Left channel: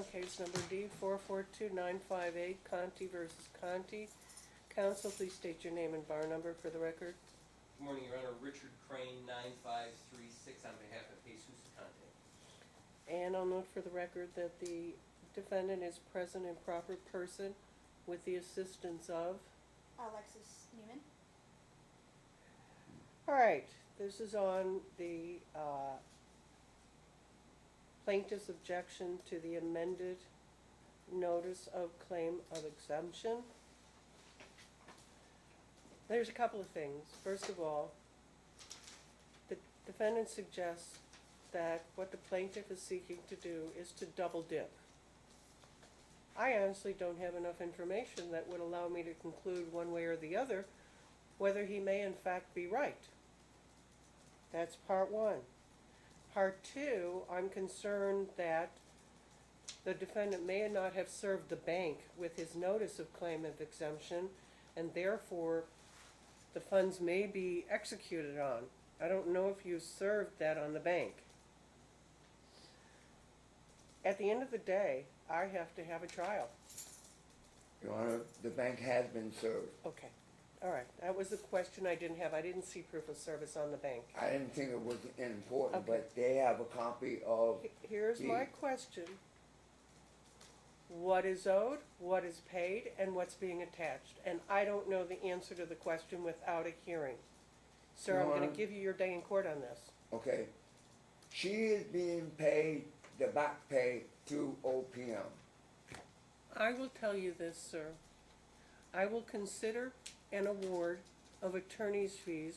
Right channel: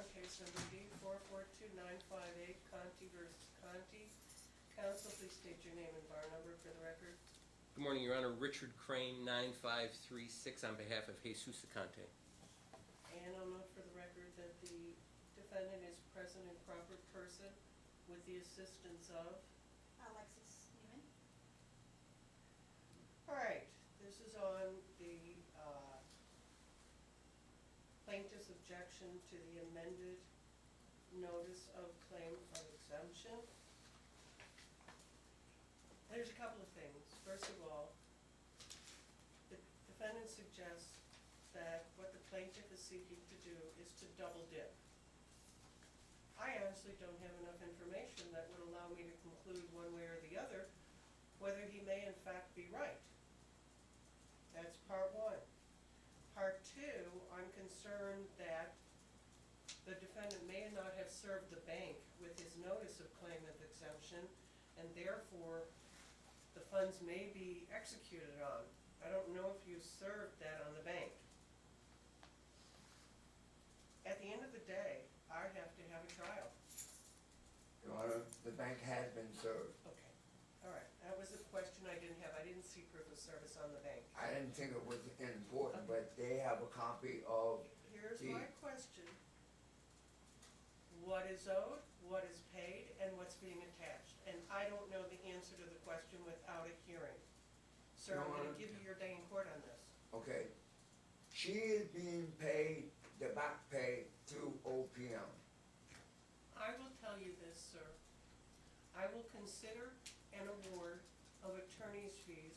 on case number D442958, Conte versus Conte. Counsel, please state your name and bar number for the record. Good morning, Your Honor. Richard Crane, 9536, on behalf of Jesus Conte. And I'll note for the record that the defendant is present in proper person with the assistance of Alexis Newman. All right, this is on the plaintiff's objection to the amended notice of claim of exemption. There's a couple of things. First of all, the defendant suggests that what the plaintiff is seeking to do is to double dip. I honestly don't have enough information that would allow me to conclude one way or the other whether he may in fact be right. That's part one. Part two, I'm concerned that the defendant may not have served the bank with his notice of claim of exemption, and therefore the funds may be executed on. I don't know if you served that on the bank. At the end of the day, I have to have a trial. Your Honor, the bank has been served. Okay. All right. That was the question I didn't have. I didn't see proof of service on the bank. I didn't think it was important, Okay. but they have a copy of Here's my question. What is owed, what is paid, and what's being attached? And I don't know the answer to the question without a hearing. Sir, Your I'm going Honor. to give you your day in court on this. Okay. She is being paid the back pay through OPM. I will tell you this, sir. I will consider an award of attorney's fees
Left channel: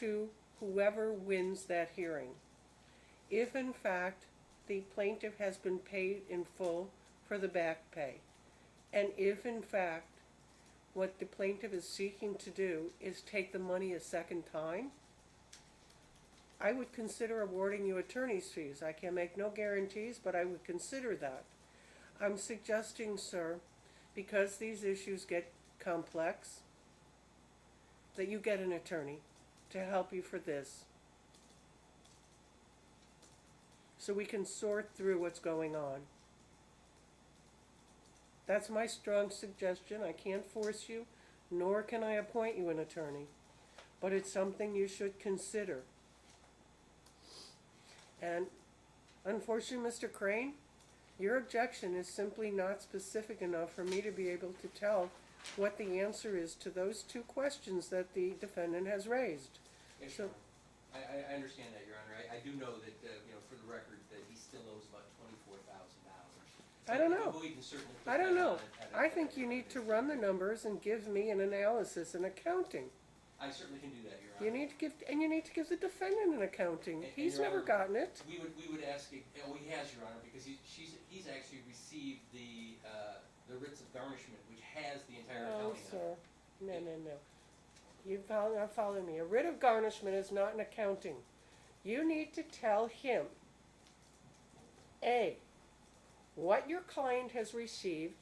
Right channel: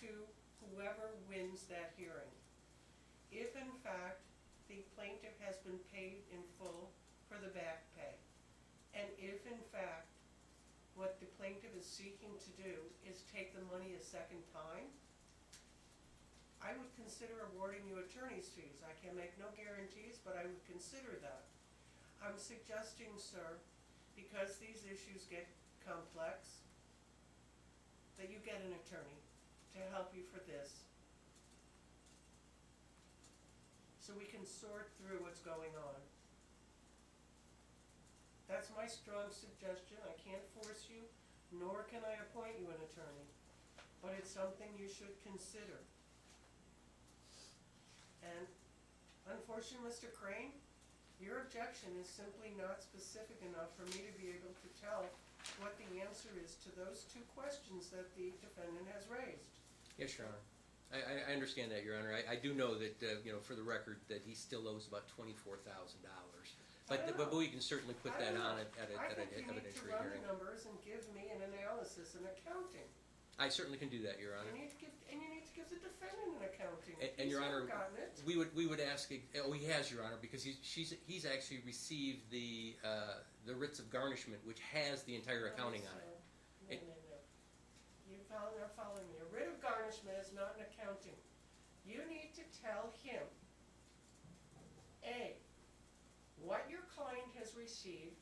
to whoever wins that hearing. If in fact the plaintiff has been paid in full for the back pay, and if in fact what the plaintiff is seeking to do is take the money a second time, I would consider awarding you attorney's fees. I can make no guarantees, but I would consider that. I'm suggesting, sir, because these issues get complex, that you get an attorney to help you for this, so we can sort through what's going on. That's my strong suggestion. I can't force you, nor can I appoint you an attorney, but it's something you should consider. And unfortunately, Mr. Crane, your objection is simply not specific enough for me to be able to tell what the answer is to those two questions that the defendant has raised. Yes, Your Honor. I understand that, Your Honor. I do know that, for the record, that he still owes about $24,000. I don't know. But we can certainly put I don't that know. on at I think you need to run the numbers and give me an analysis and accounting. I certainly can do that, Your Honor. You need to give the defendant an accounting. And He's Your never Honor, gotten it. We would ask. Oh, he has, Your Honor, because he's actually received the writs of garnishment, which has the entire accounting on it. No. You're not following me. A writ of garnishment is not an accounting. You need to tell him, A, what your client has received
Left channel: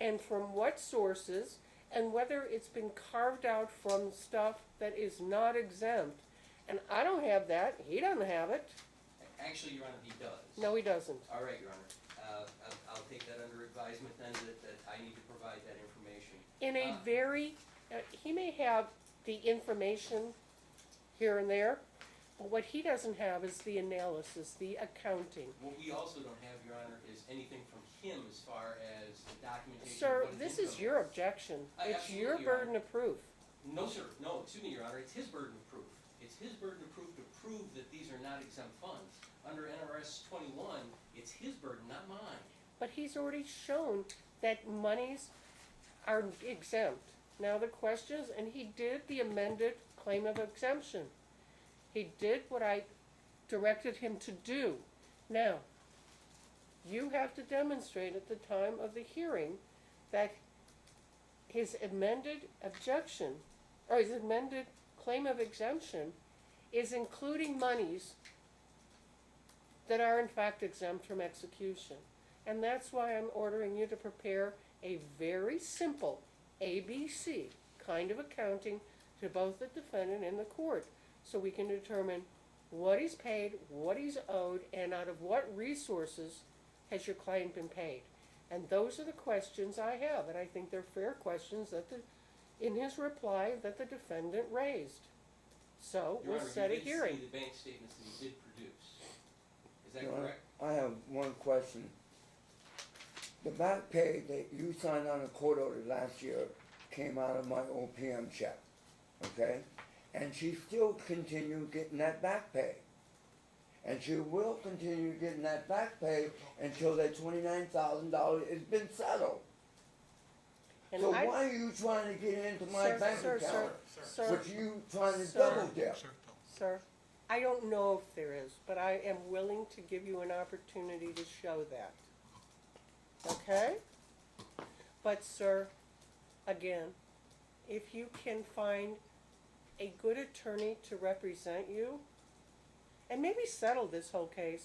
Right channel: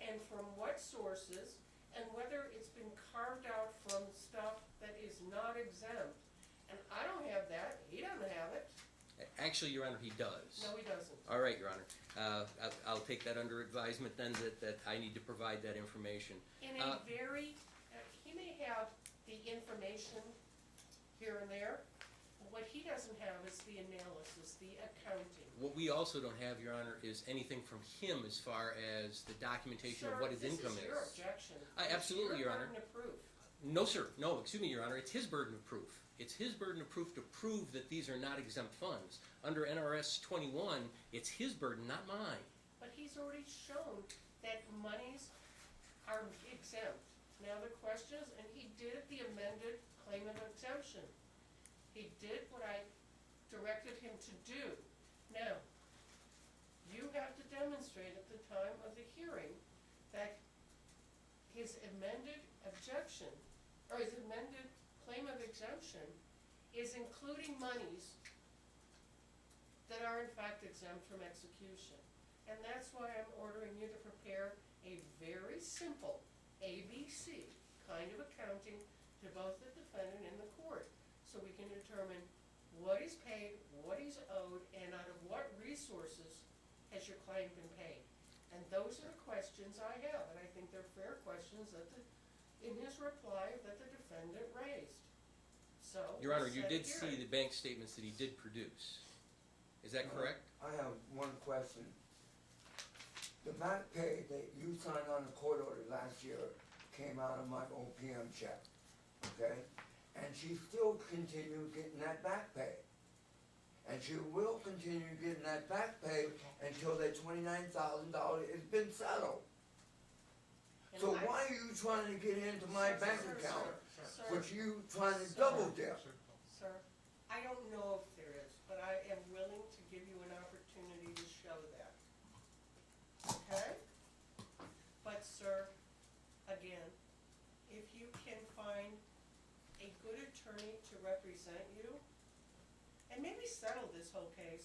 and from what sources, and whether it's been carved out from stuff that is not exempt. And I don't have that. He doesn't have it. Actually, Your Honor, he does. No, he doesn't. All right, Your Honor. I'll take that under advisement then, that I need to provide that information. In a he may have the information here and there. What he doesn't have is the analysis, the accounting. What we also don't have, Your Honor, is anything from him as far as the documentation of Sir, what his this income is your objection. It's Absolutely, your Your Honor. burden of proof. No, sir. No, excuse me, Your Honor. It's his burden of proof. It's his burden of proof to prove that these are not exempt funds. Under NRS 21, it's his burden, not mine. But he's already shown that monies are exempt. Now the question is, and he did the amended claim of exemption. He did what I directed him to do. Now, you have to demonstrate at the time of the hearing that his amended objection, or his amended claim of exemption, is including monies that are in fact exempt from execution. And that's why I'm ordering you to prepare a very simple ABC kind of accounting to both the defendant and the court, so we can determine what he's paid, what he's owed, and out of what resources has your client been paid? And those are the questions I have, and I think they're fair questions that in his reply, that the defendant raised. So, Your Honor, we'll you set a did hearing. see the bank statements that he did produce. Is that Well, correct? I have one question. The back pay that you signed on the court order last year came out of my OPM check, okay? And she still continued getting that back pay. And she will continue getting that back pay until that $29,000 has been settled. And So I- why are you trying to get into my Sir, bank sir, account? Sir, What you trying to Sir. double dip? sir, I don't know if there is, but I am willing to give you an opportunity to show that. Okay? But sir, again, if you can find a good attorney to represent you, and maybe settle this whole case.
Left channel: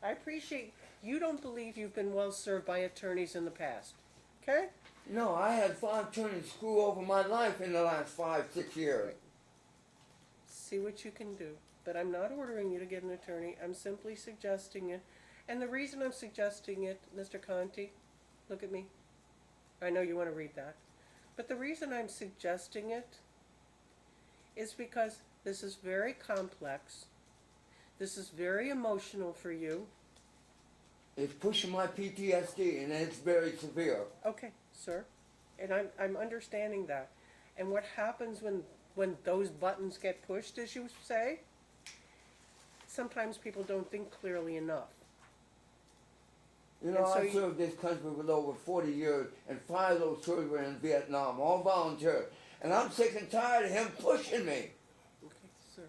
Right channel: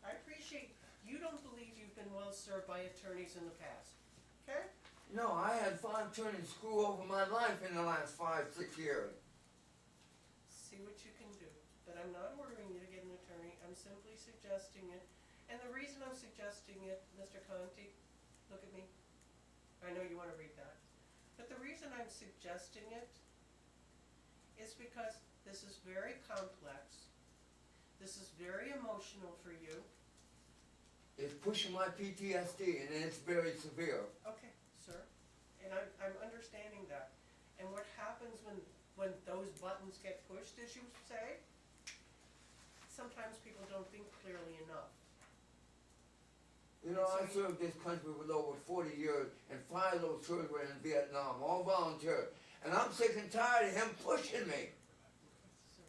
I appreciate you don't believe you've been well served by attorneys in the past. Okay? No, I had 5 attorneys screw over my life in the last 5-6 years. See what you can do. But I'm not ordering you to get an attorney. I'm simply suggesting it. And the reason I'm suggesting it, Mr. Conte, look at me. I know you want to read that. But the reason I'm suggesting it is because this is very complex. This is very emotional for you. It's pushing my PTSD and it's very severe. Okay, sir. And I'm understanding that. And what happens when those buttons get pushed, as you say, sometimes people don't think clearly enough. You know, And so I you- served this country with over 40 years, and 5 of those tours were in Vietnam, all volunteer. And I'm sick and tired of him pushing me. Okay, sir.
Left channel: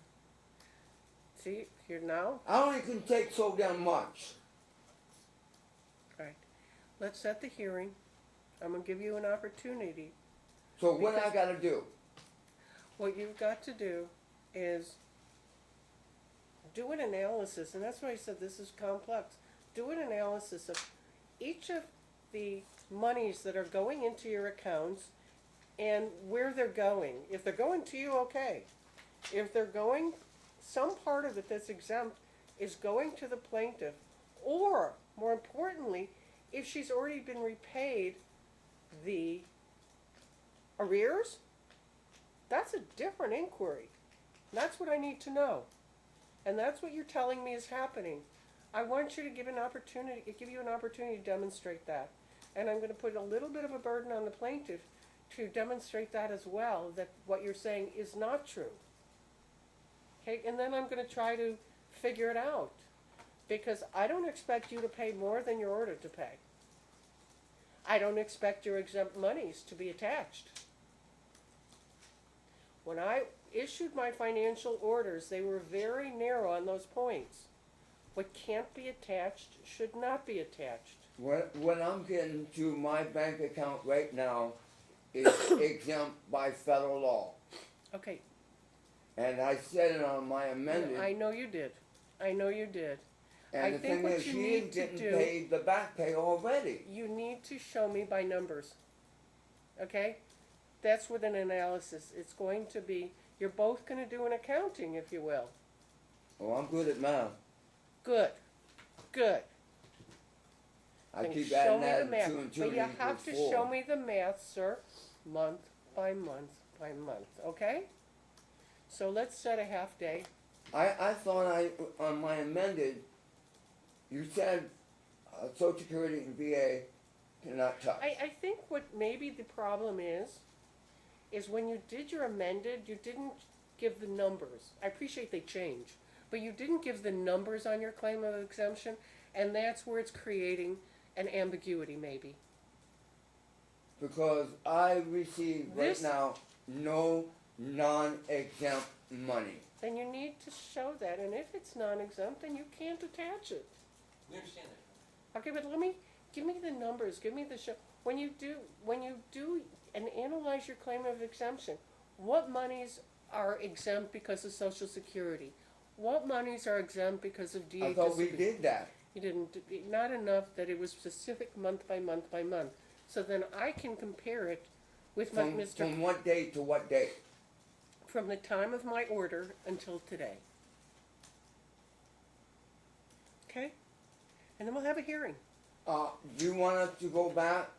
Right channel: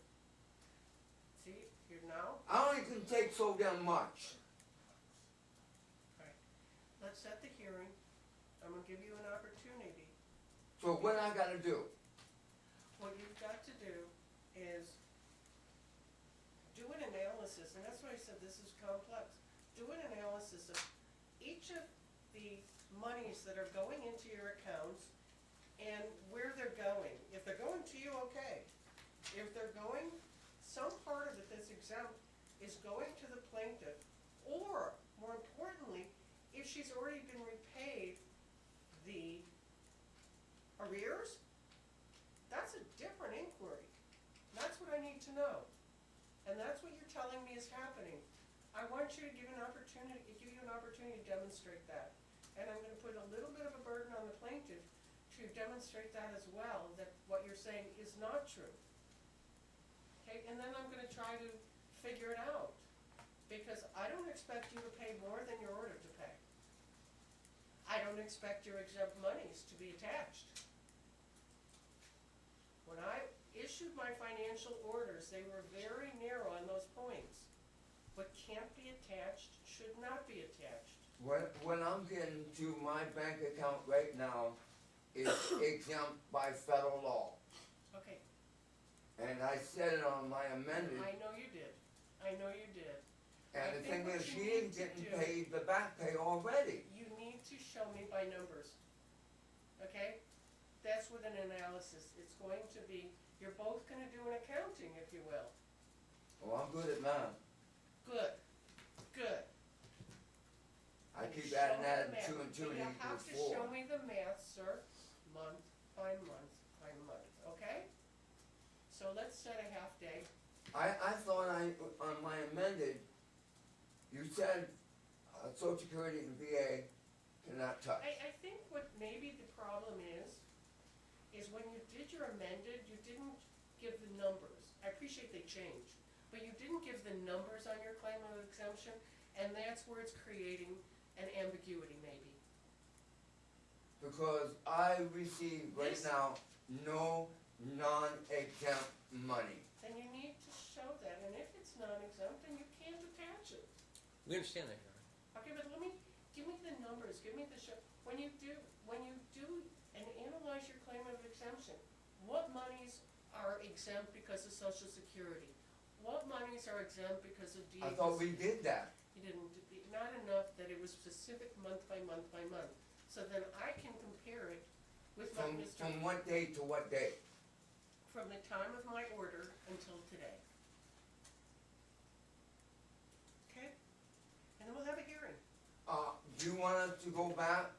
See, here now. I only can take so damn much. Right. Let's set the hearing. I'm gonna give you an opportunity. So what I Because- gotta do? What you've got to do is do an analysis, and that's why I said this is complex. Do an analysis of each of the monies that are going into your accounts and where they're going. If they're going to you, okay. If they're going, some part of it that's exempt is going to the plaintiff, or more importantly, if she's already been repaid the arrears, that's a different inquiry. That's what I need to know. And that's what you're telling me is happening. I want you to give you an opportunity to demonstrate that. And I'm gonna put a little bit of a burden on the plaintiff to demonstrate that as well, that what you're saying is not true. Okay, and then I'm gonna try to figure it out. Because I don't expect you to pay more than you're ordered to pay. I don't expect your exempt monies to be attached. When I issued my financial orders, they were very narrow on those points. What can't be attached should not be attached. What I'm getting to my bank account right now is exempt by federal law. Okay, And I said it on my amendment. I know you did. I know you did. I And the think thing what is, you she need is to getting do- paid the back pay already. You need to show me by numbers. Okay? That's with an analysis. It's going to be, you're both gonna do an accounting, if you will. Oh, I'm good at math. Good. Good. I And keep show adding me that the and math. 2 and 2 But you have to equals show 4. me the math, sir, month by month by month, okay? So let's set a half day. I thought on my amended, you said Social Security and VA cannot touch. I think what maybe the problem is when you did your amended, you didn't give the numbers. I appreciate they change, but you didn't give the numbers on your claim of exemption, and that's where it's creating an ambiguity maybe. Because I receive right This- now no non-exempt money. Then you need to show that, and if it's non-exempt, then you can't attach it. We understand that, Your Honor. Okay, but give me the numbers, give me the show. When you do and analyze your claim of exemption, what monies are exempt because of Social Security? What monies are exempt because of DA I thought we disability? did that. You didn't, not enough that it was specific month by month by month. So then I can compare it with my From what date to what date? from the time of my order until today. Okay? And then we'll have a hearing. Do you want us to go back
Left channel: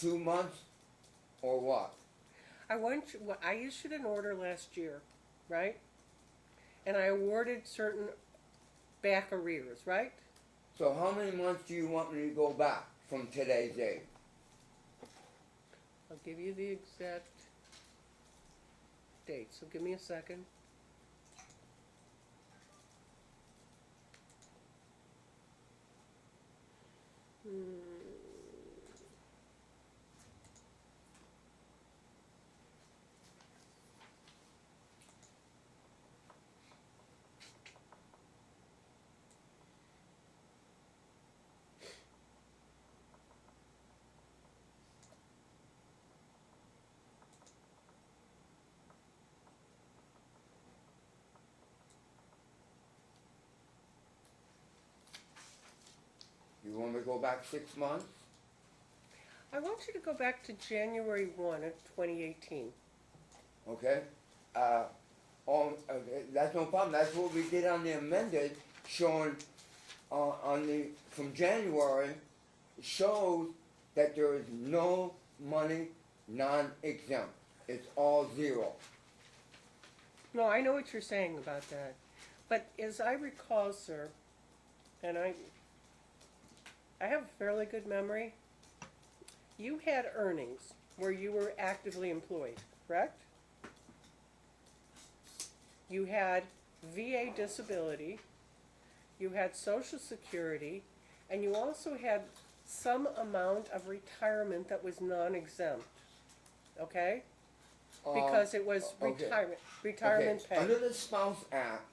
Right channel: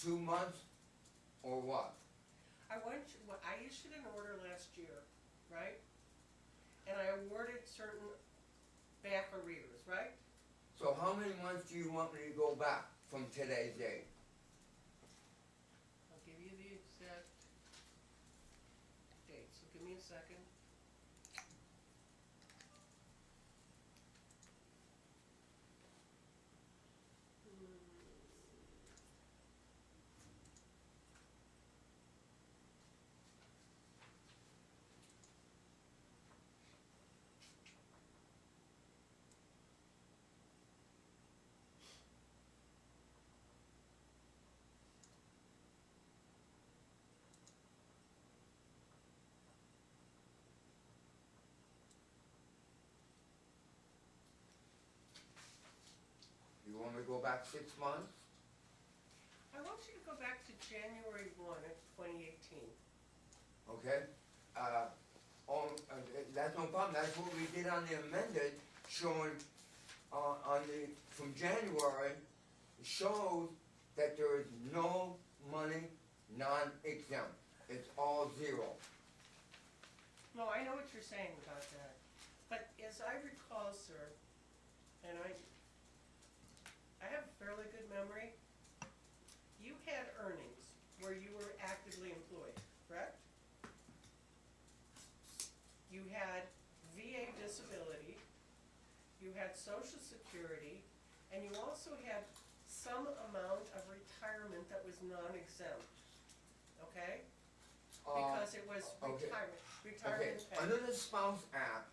2 months, or what? Well, I issued an order last year, right? And I awarded certain back arrears, right? So how many months do you want me to go back from today's date? I'll give you the exact date, so give me a second. You want me to go back 6 months? I want you to go back to January 1 of 2018. Okay? That's no problem. That's what we did on the amended, showing from January, shows that there is no money non-exempt. It's all zero. No, I know what you're saying about that. But as I recall, sir, and I have a fairly good memory, you had earnings where you were actively employed, correct? You had VA disability, you had Social Security, and you also had some amount of retirement that was non-exempt, okay? Because it was okay. retirement pay. Under the Spouse Act,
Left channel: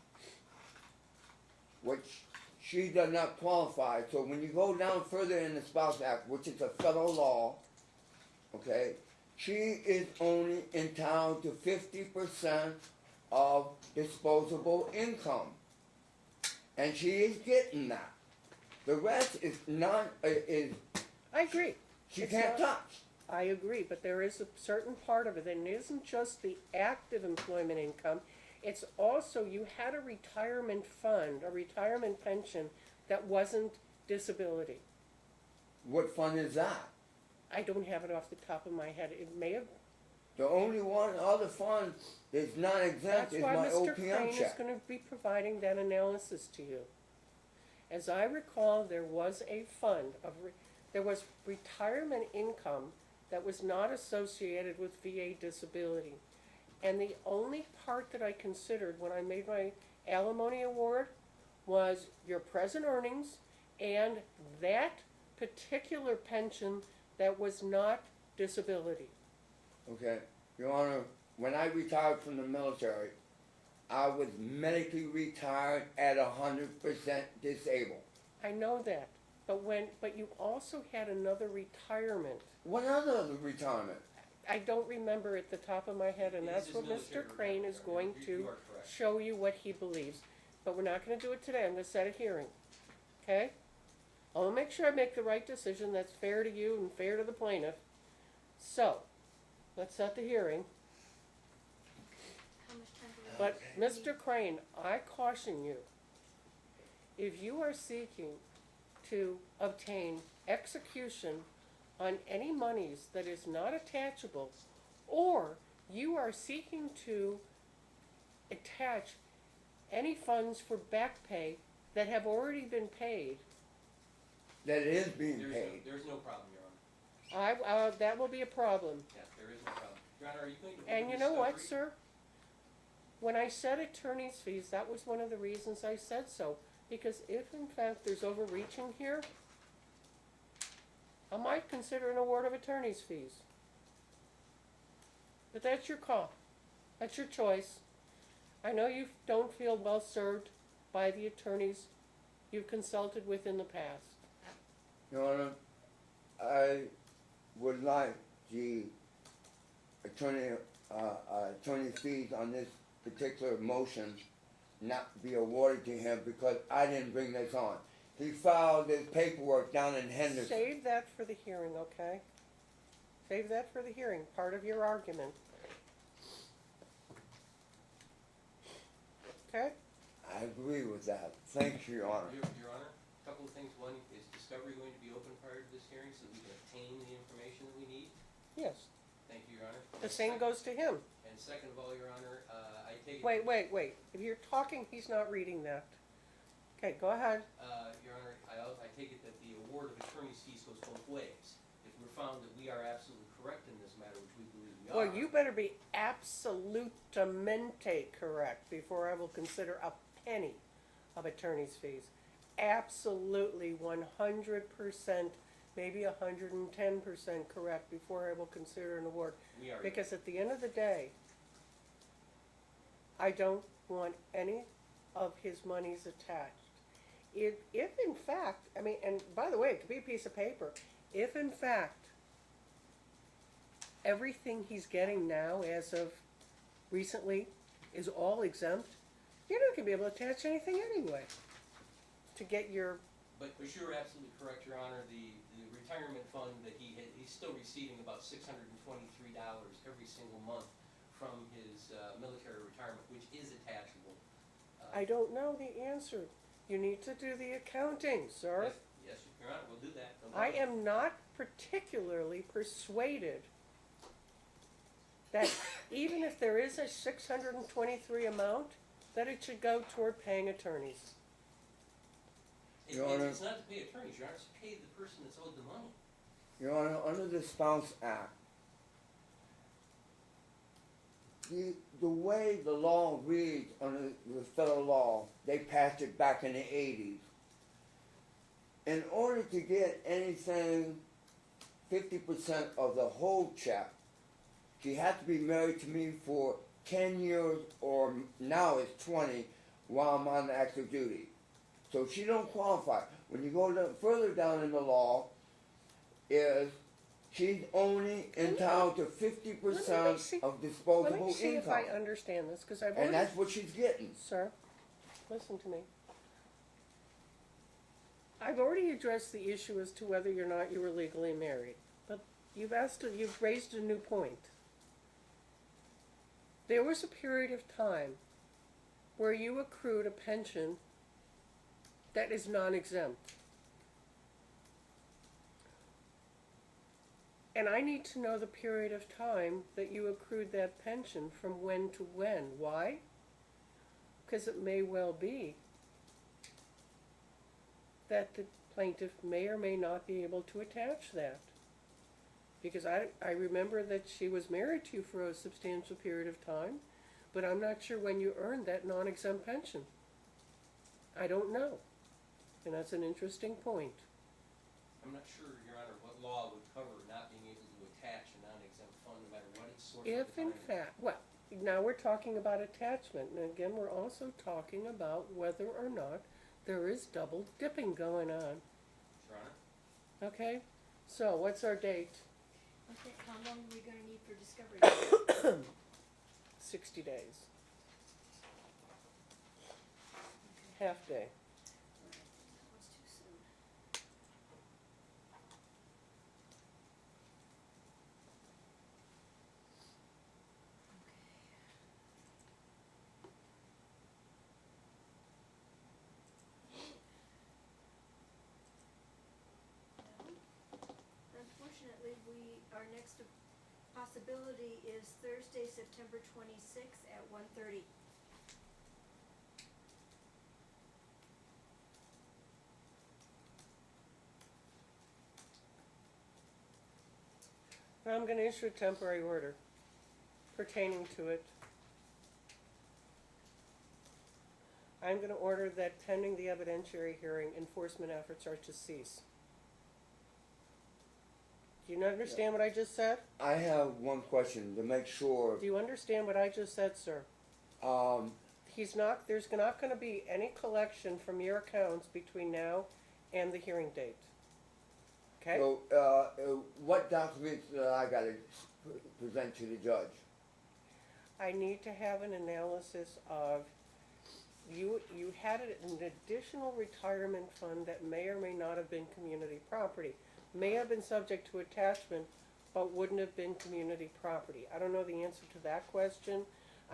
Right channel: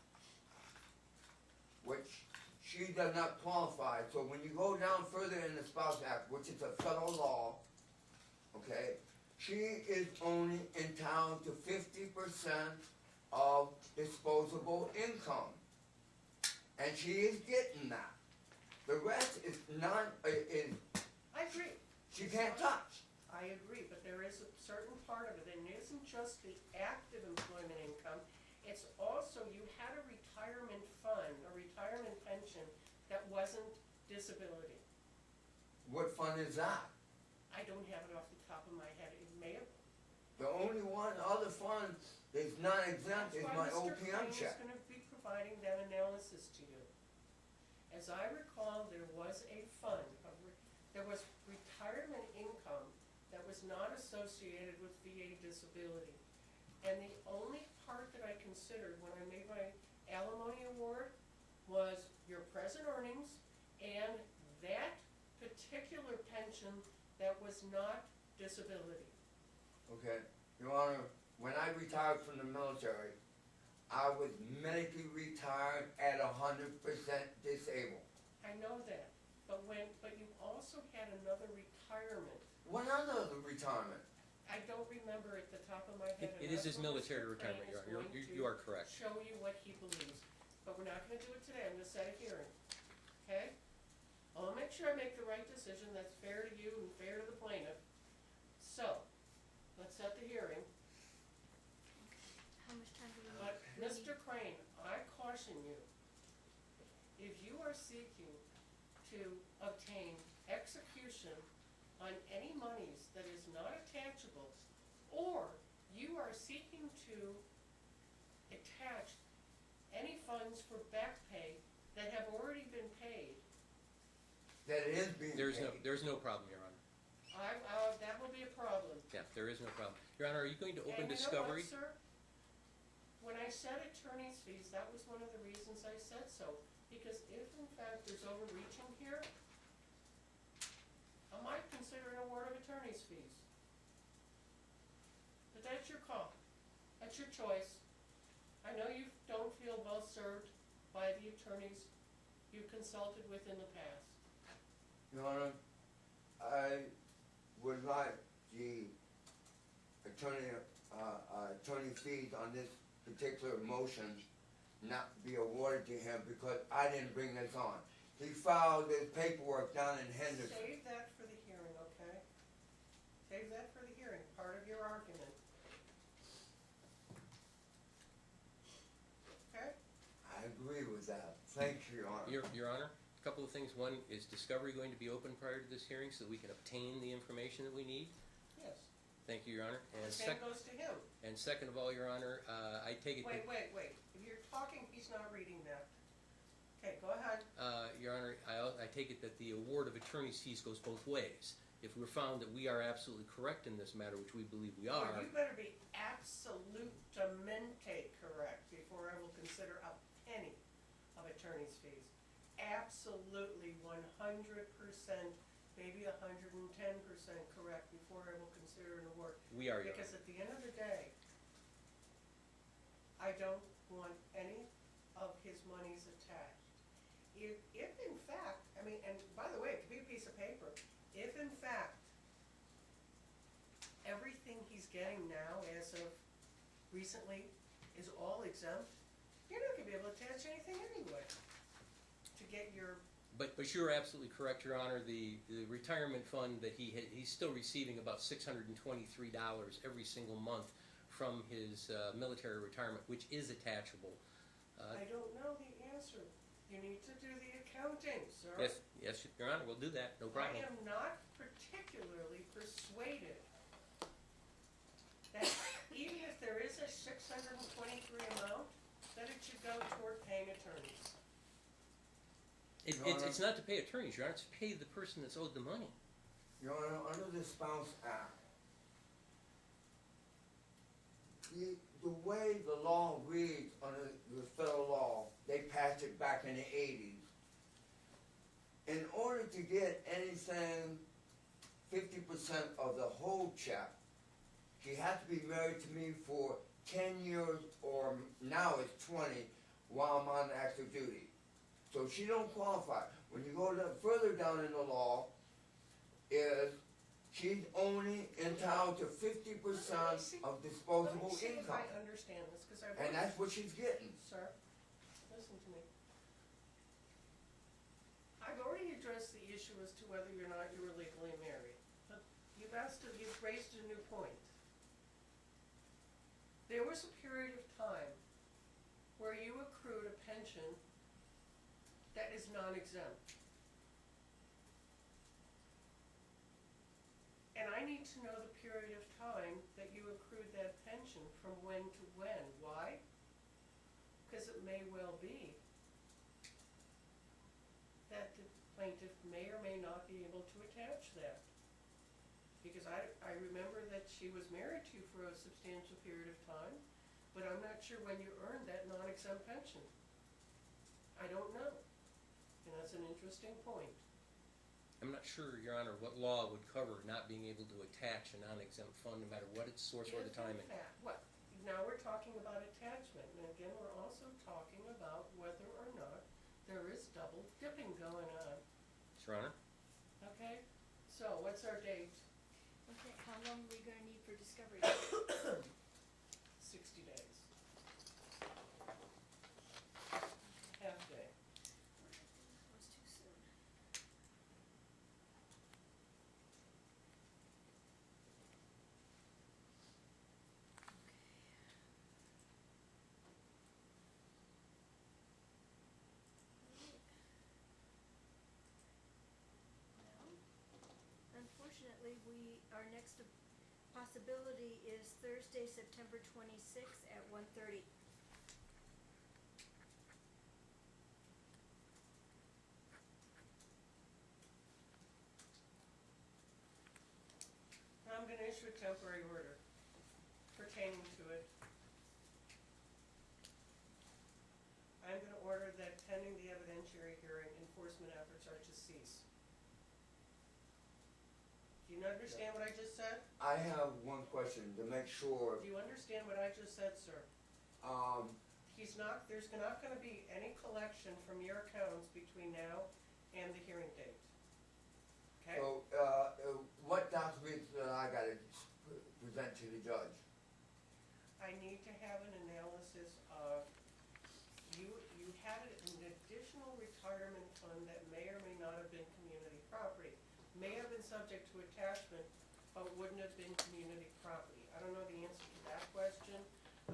which she does not qualify, so when you go down further in the Spouse Act, which is a federal law, okay, she is only entitled to 50% of disposable income. And she is getting that. The rest is not, I agree. she It's can't not- touch. I agree, but there is a certain part of it, and it isn't just the active employment income, it's also you had a retirement fund, a retirement pension that wasn't disability. What fund is that? I don't have it off the top of my head. It may have. The only one other fund that's not exempt That's is why my Mr. OPM Crane is check. going to be providing that analysis to you. As I recall, there was a fund of there was retirement income that was not associated with VA disability. And the only part that I considered when I made my alimony award was your present earnings and that particular pension that was not disability. Okay, Your Honor, when I retired from the military, I was medically retired at 100% disabled. I know that, but you also had another retirement. What other retirement? I don't remember at the top of my head, and It is that's his what military Mr. Crane retirement, is Your Honor. going You to are correct. show you what he believes. But we're not gonna do it today, I'm gonna set a hearing, okay? I wanna make sure I make the right decision that's fair to you and fair to the plaintiff. So, let's set the hearing. How much time do we But, Mr. Crane, I caution you, if you are seeking to obtain execution on any monies that is not attachable, or you are seeking to attach any funds for back pay that have already been paid, That it is being There's paid. no problem, Your Honor. that will be a problem. Yeah, there is no problem. Your Honor, are you going to And open you know discovery? what, sir? When I said attorney's fees, that was one of the reasons I said so. Because if in fact there's overreaching here, I might consider an award of attorney's fees. But that's your call. That's your choice. I know you don't feel well served by the attorneys you've consulted with in the past. Your Honor, I would like the attorney fees on this particular motion not be awarded to him because I didn't bring this on. He filed his paperwork down in Henderson. Save that for the hearing, okay? Save that for the hearing, part of your argument. Okay? I agree with that. Thank you, Your Honor. Your Honor, Couple of things. One, is discovery going to be open prior to this hearing so that we can obtain the information that we need? Yes, Thank you, Your Honor. the same goes to him. And second of all, Your Honor, I take it. Wait, if you're talking, he's not reading that. Okay, go ahead. Your Honor, I take it that the award of attorney's fees goes both ways. If we're found that we are absolutely correct in this matter, which we believe we are. Well, you better be absolutamente correct before I will consider a penny of attorney's fees. Absolutely 100%, maybe 110% correct before I will consider an award. We are. Your Because at the end of the day, I don't want any of his monies attached. If in fact, I mean, and by the way, it could be a piece of paper, if in fact everything he's getting now as of recently is all exempt, you're not going to be able to attach anything anyway to get your... But you're absolutely correct, Your Honor. The retirement fund that he's still receiving about $623 every single month from his military retirement, which is attachable. I don't know the answer. You need to do the accounting, sir. Yes, Your Honor, we'll do that. No I problem. am not particularly persuaded that even if there is a 623 amount, that it should go toward paying attorneys. Your Honor. It's not to pay attorneys, Your Honor. It's to pay the person that's owed the money. Your Honor, under the Spouse Act, the way the law reads under the federal law, they passed it back in the 80s. In order to get anything 50% of the whole check, she has to be married to me for 10 years, or now it's 20, while I'm on active duty. So she don't qualify. When you go further down in the law, is she's only entitled to 50% of disposable Let me see income. if I understand this, because I've already... And that's what she's getting. Sir, listen to me. I've already addressed the issue as to whether or not you were legally married, but you've raised a new point. There was a period of time where you accrued a pension that is non-exempt. And I need to know the period of time that you accrued that pension from when to when. Why? Because it may well be that the plaintiff may or may not be able to attach that. Because I remember that she was married to you for a substantial period of time, but I'm not sure when you earned that non-exempt pension. I don't know. And that's an interesting point. I'm not sure, Your Honor, what law would cover not being able to attach a non-exempt fund no matter what its source of If the in time is. fact, well, now we're talking about attachment, and again, we're also talking about whether or not there is double dipping going on. Your Honor? Okay? So, what's our date? Okay, how long are we gonna need for discovery? 60 days. Half day. That was too soon. Unfortunately, our next possibility is Thursday, September 26th at 1:30. I'm going to issue a temporary order pertaining to it. I'm going to order that pending the evidentiary hearing, enforcement efforts are to cease. Do you understand what I just said? I have one question to make sure. Do you understand what I just said, sir? There's not going to be any collection from your accounts between now and the hearing date. Okay? So, what documents I gotta present to the judge? I need to have an analysis of, you had an additional retirement fund that may or may not have been community property. May have been subject to attachment, but wouldn't have been community property. I don't know the answer to that question.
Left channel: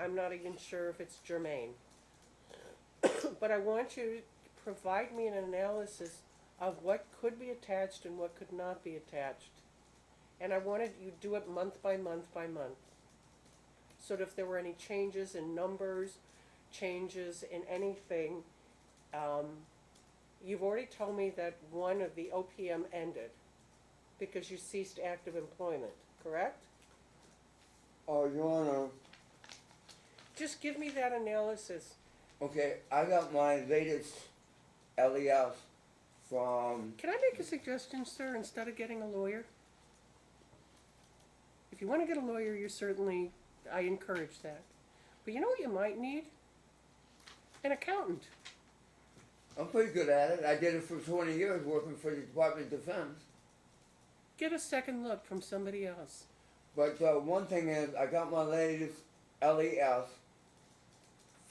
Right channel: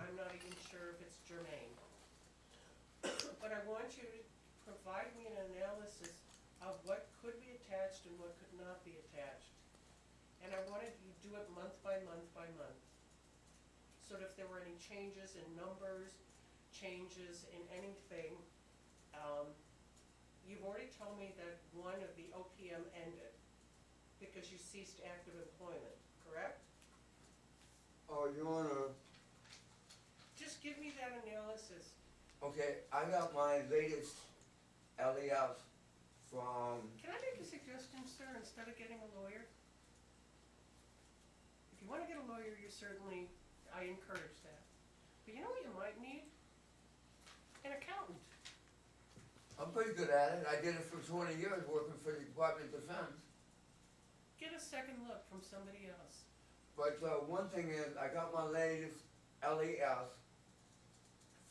I'm not even sure if it's germane. But I want you to provide me an analysis of what could be attached and what could not be attached. And I wanted you to do it month by month by month. So that if there were any changes in numbers, changes in anything, you've already told me that one of the OPM ended because you ceased active employment, correct? Oh, Your Honor, Just give me that analysis. okay, I got my latest LES from, Can I make a suggestion, sir, instead of getting a lawyer? If you want to get a lawyer, I encourage that. But you know what you might need? An accountant. I'm pretty good at it. I did it for 20 years working for the Department of Defense. Get a second look from somebody else. But one thing is, I got my latest LES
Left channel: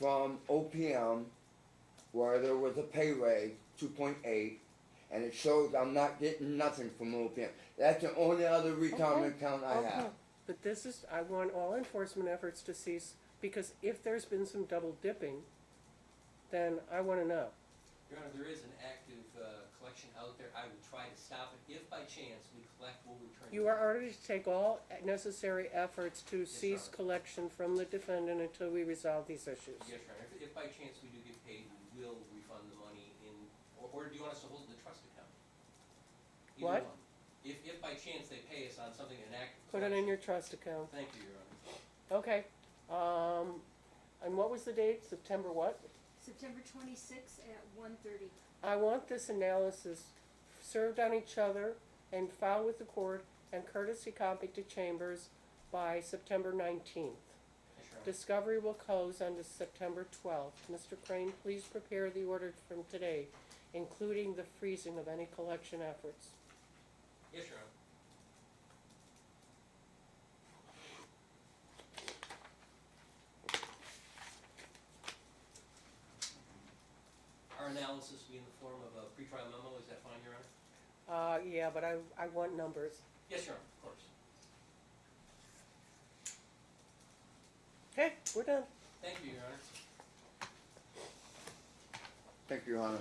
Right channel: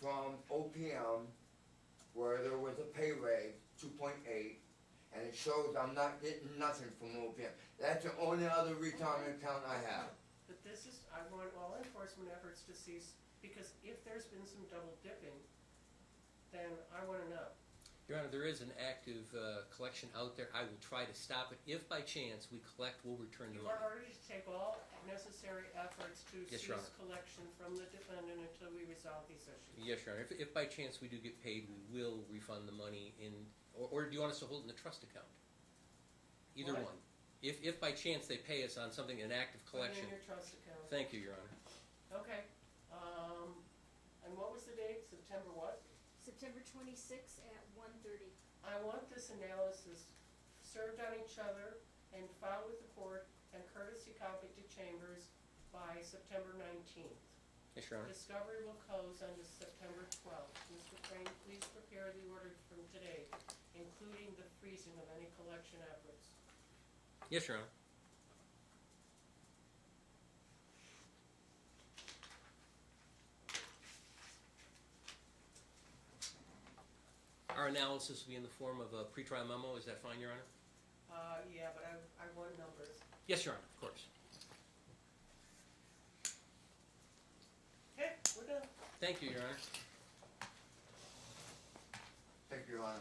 from OPM where there was a pay raise, 2.8, and it shows I'm not getting nothing from OPM. That's the only other retirement account I Okay. have. But I want all enforcement efforts to cease, because if there's been some double dipping, then I want to know. Your Honor, there is an active collection out there. I will try to stop it. If by chance we collect, we'll return the You are money. already to take all necessary efforts to Yes, Your cease Honor. collection from the defendant until we resolve these issues. Yes, Your Honor. If by chance we do get paid, we will refund the money in, or do you want us to hold it in the trust account? Either What? one. If by chance they pay us on something, an active Put collection. it in your trust account. Thank you, Your Honor. Okay. And what was the date? September what? September 26th at 1:30. I want this analysis served on each other and filed with the court and courtesy copy to Chambers by September 19th. Yes, Your Honor. Discovery will close on September 12th. Mr. Crane, please prepare the order from today, including the freezing of any collection efforts. Yes, Your Honor. Our analysis will be in the form of a pretrial memo. Is that fine, Your Honor? Yeah, but I want numbers. Yes, Your Honor, of course. Okay, we're done. Thank you, Your Honor. Thank you, Your Honor.